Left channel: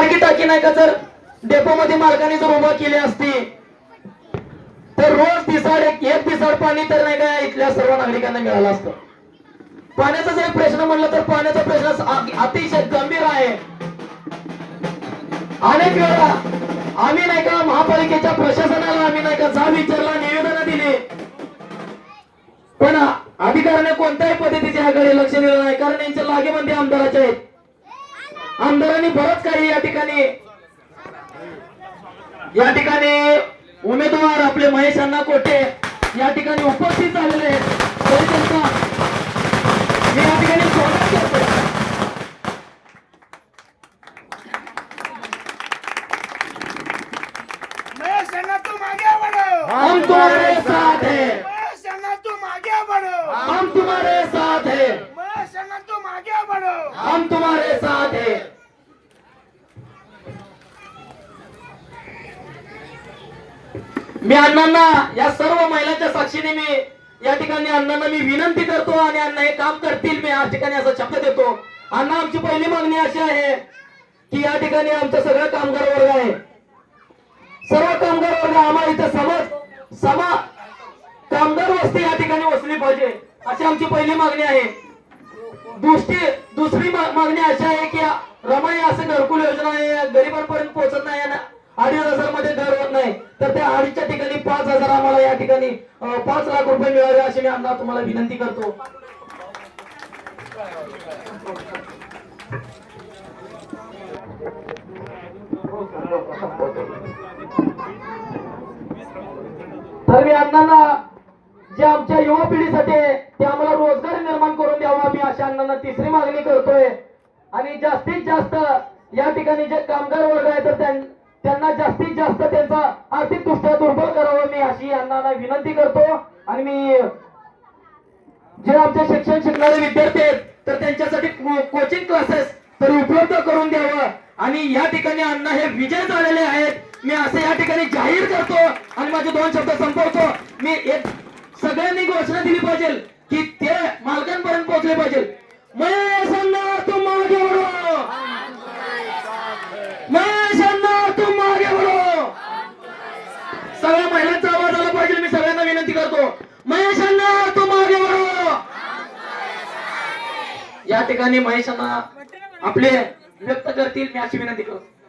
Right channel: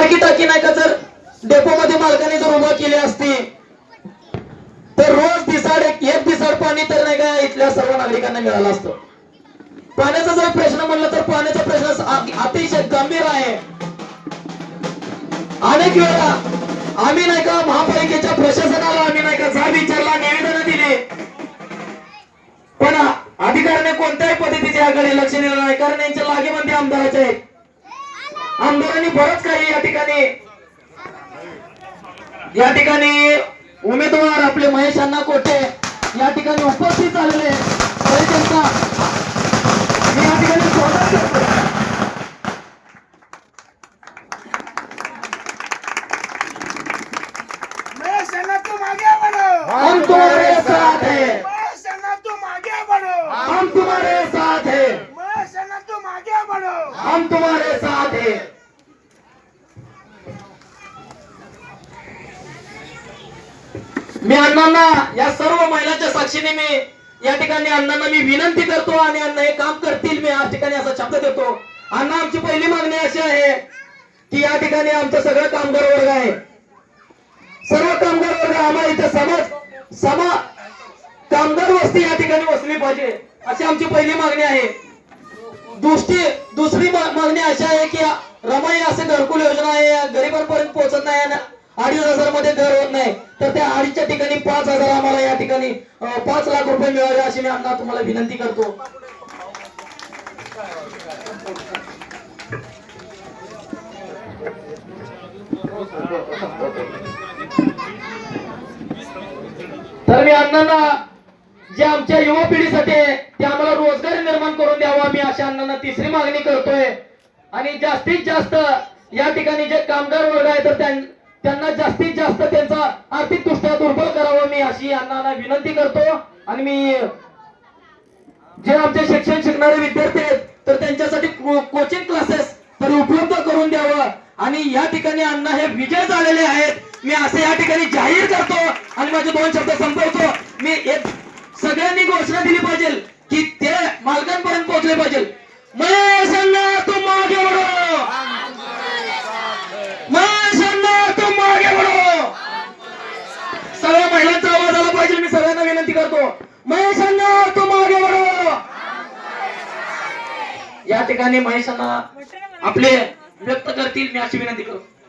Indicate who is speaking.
Speaker 1: सारखी टाकी नाही का जर? डेपो मध्ये मालकाने जर उभा केली असती. तर रोज दिसाड एक एक दिसाड पाणी तर नाही का इथल्या सर्व नागरिकांना मिळालं असतं. पाण्याचा जर प्रश्न म्हणलं तर पाण्याचा प्रश्न अतिशय गंभीर आहे. अनेक वेळा आम्ही नाही का महापालिकेच्या प्रशासनाला आम्ही नाही का जाब विचारला निवेदन दिले. पण अधिकाऱ्याने कोणत्याही पद्धतीच्या आघाडी लक्ष दिलं नाही. कारण यांच्या लागेमध्ये आमदाराचे आहेत. आमदारांनी बरंच काही या ठिकाणी. या ठिकाणी उमेदवार आपले महेश अण्णा कोटे या ठिकाणी उपस्थित झालेले मी या ठिकाणी स्वागत करतो हम तुम्हारे साथ हैं. हम तुम्हारे साथ हैं. हम तुम्हारे साथ हैं मी अण्णांना या सर्व महिलांच्या साक्षीने मी या ठिकाणी अण्णांना मी विनंती करतो आणि अण्णा हे काम करतील मी या ठिकाणी असा शब्द देतो. अण्णा आमची पहिली मागणी अशी आहे की या ठिकाणी आमचं सगळं कामगार वर्ग आहे. सर्व कामगार वर्ग आम्हाला इथं समाज समा कामगार वस्ती या ठिकाणी वसली पाहिजे अशी आमची पहिली मागणी आहे. दुसरी दुसरी मागणी अशी आहे की रमाई असं घरकुल योजना आहे ठिकाणी पाच लाख रुपये मिळावे अशी मी अण्णा तुम्हाला विनंती करतो. तर मी अण्णांना जे आमच्या युवा पिढीसाठी आहे, ते आम्हाला रोजगार निर्माण करून द्यावा मी अशा अण्णांना तिसरी मागणी करतोय. आणि जास्तीत जास्त या ठिकाणी जे कामगार वर्ग आहे तर त्यांना जास्तीत जास्त ते आर्थिक दृष्ट्या दुर्बल करावं. मी अशी अण्णांना विनंती करतो. आणि मी जे आमचे शिक्षण शिकणारे विद्यार्थी आहेत तर त्यांच्यासाठी कोचिंग क्लासेस तरी उपलब्ध करून द्यावं. आणि या ठिकाणी अण्णा हे विजय झालेले आहेत. मी असं या ठिकाणी जाहीर करतो आणि माझे दोन शब्द संपवतो. मी एक सगळ्यांनी घोषणा दिली पाहिजे की ते मालकांपर्यंत पोहोचले पाहिजे महेश अण्णा तुम मागे बढो महेश अण्णा तुम मागे बढो सगळ्या महिलांचा आवाज आला पाहिजे मी सगळ्यांना विनंती करतो. महेशांना तो तू मागे या ठिकाणी महेशांना आपले व्यक्त करतील मी अशी विनंती करतो.